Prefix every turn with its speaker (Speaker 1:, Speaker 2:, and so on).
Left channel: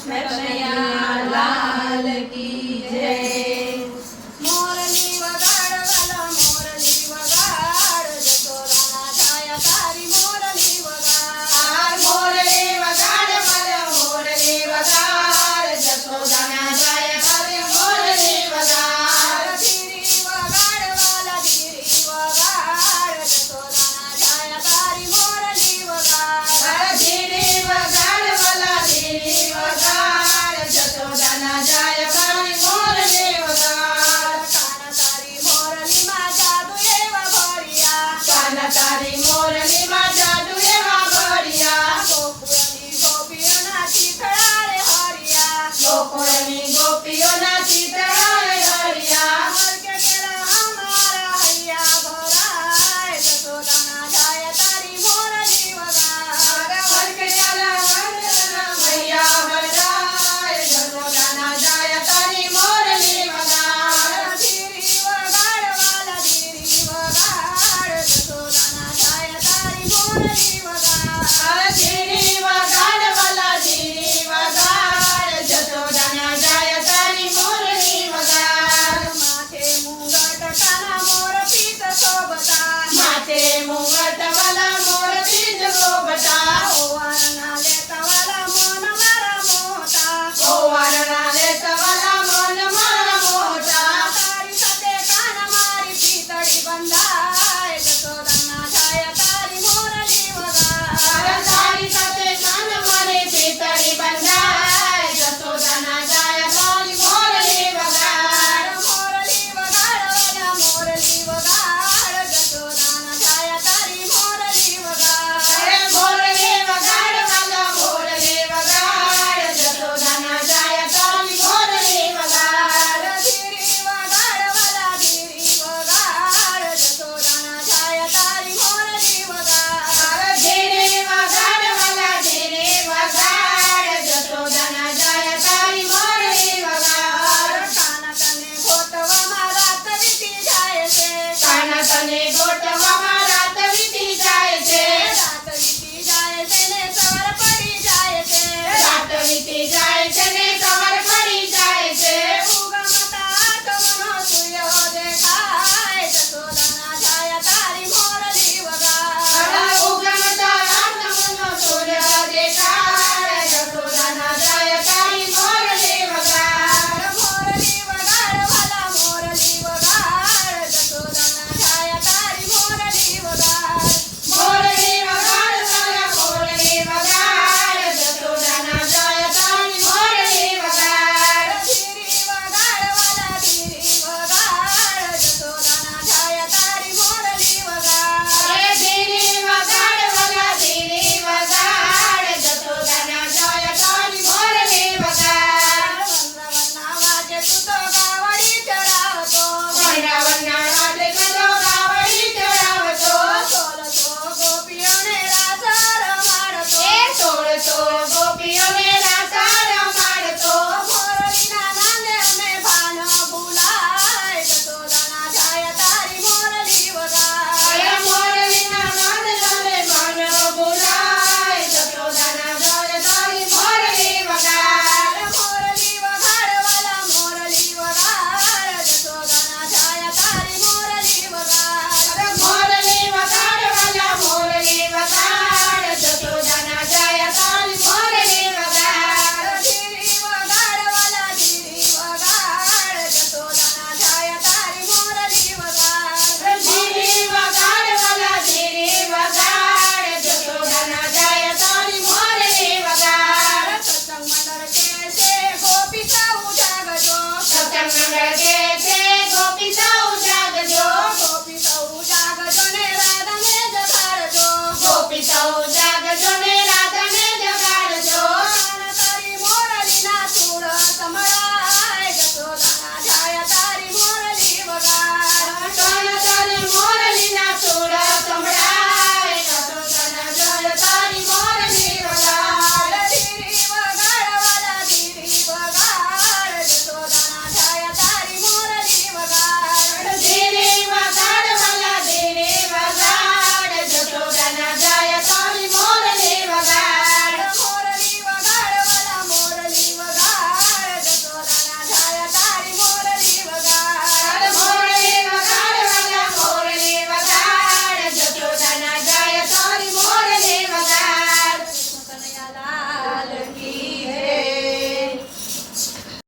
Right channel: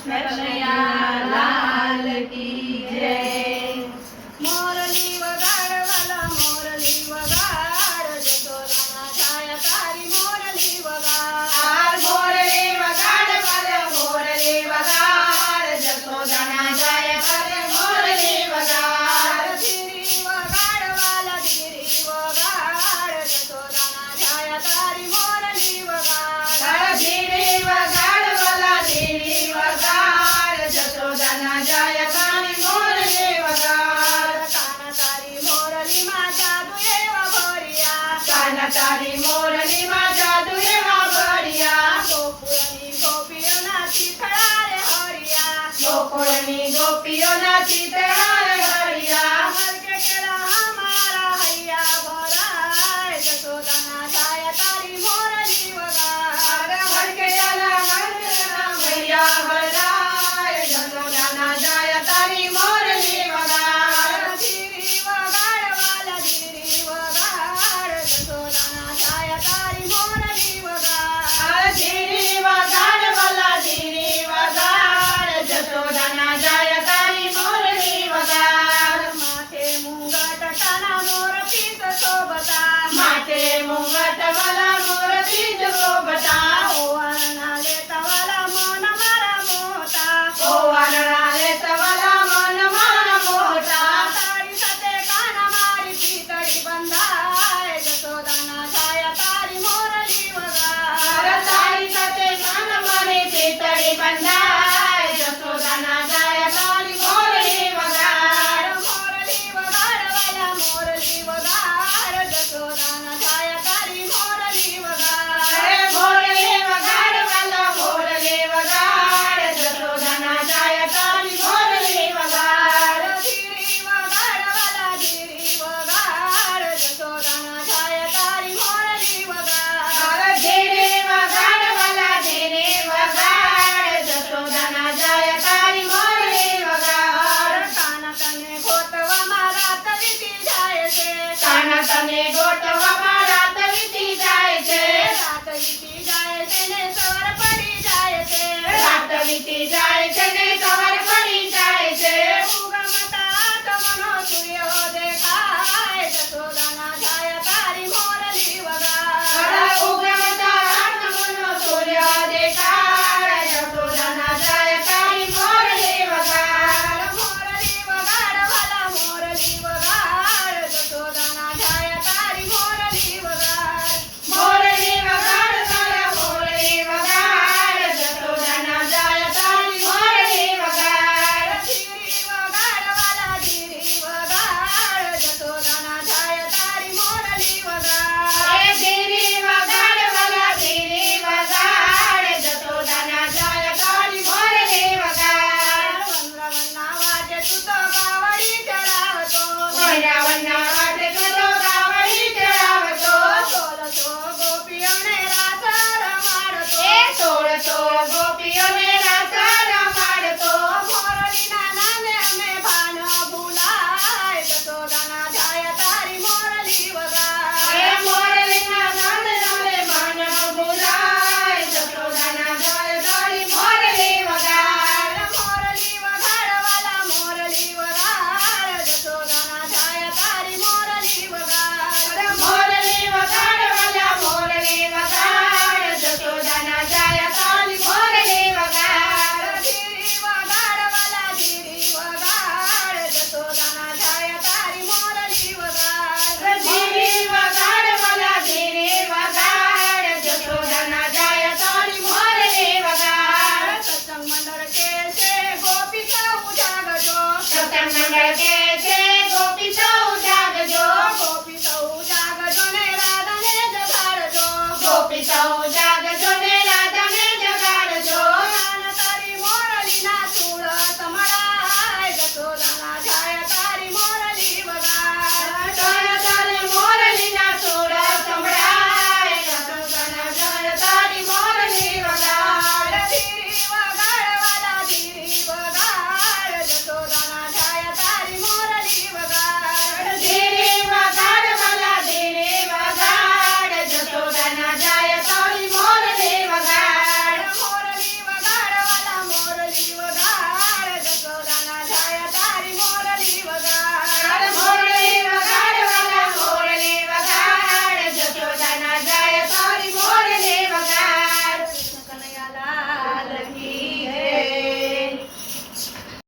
Speaker 1: કૃષ્ણ કનૈયા લાલ કી
Speaker 2: તારી મોરની માં જાદુ એવા ભર્યા ગોકુળની ગોપીઓ ના ચિતરા રે હરિયા.
Speaker 1: ગોકુળની
Speaker 2: ગોપીઓ ના
Speaker 1: ચિતરા Thank
Speaker 2: you. મંડળ કે છે ગોપી સૌ જાગજો.
Speaker 1: ગોપી સૌ જાગજો
Speaker 2: ને રાધાને જતા
Speaker 1: ગોપી સૌ જાગ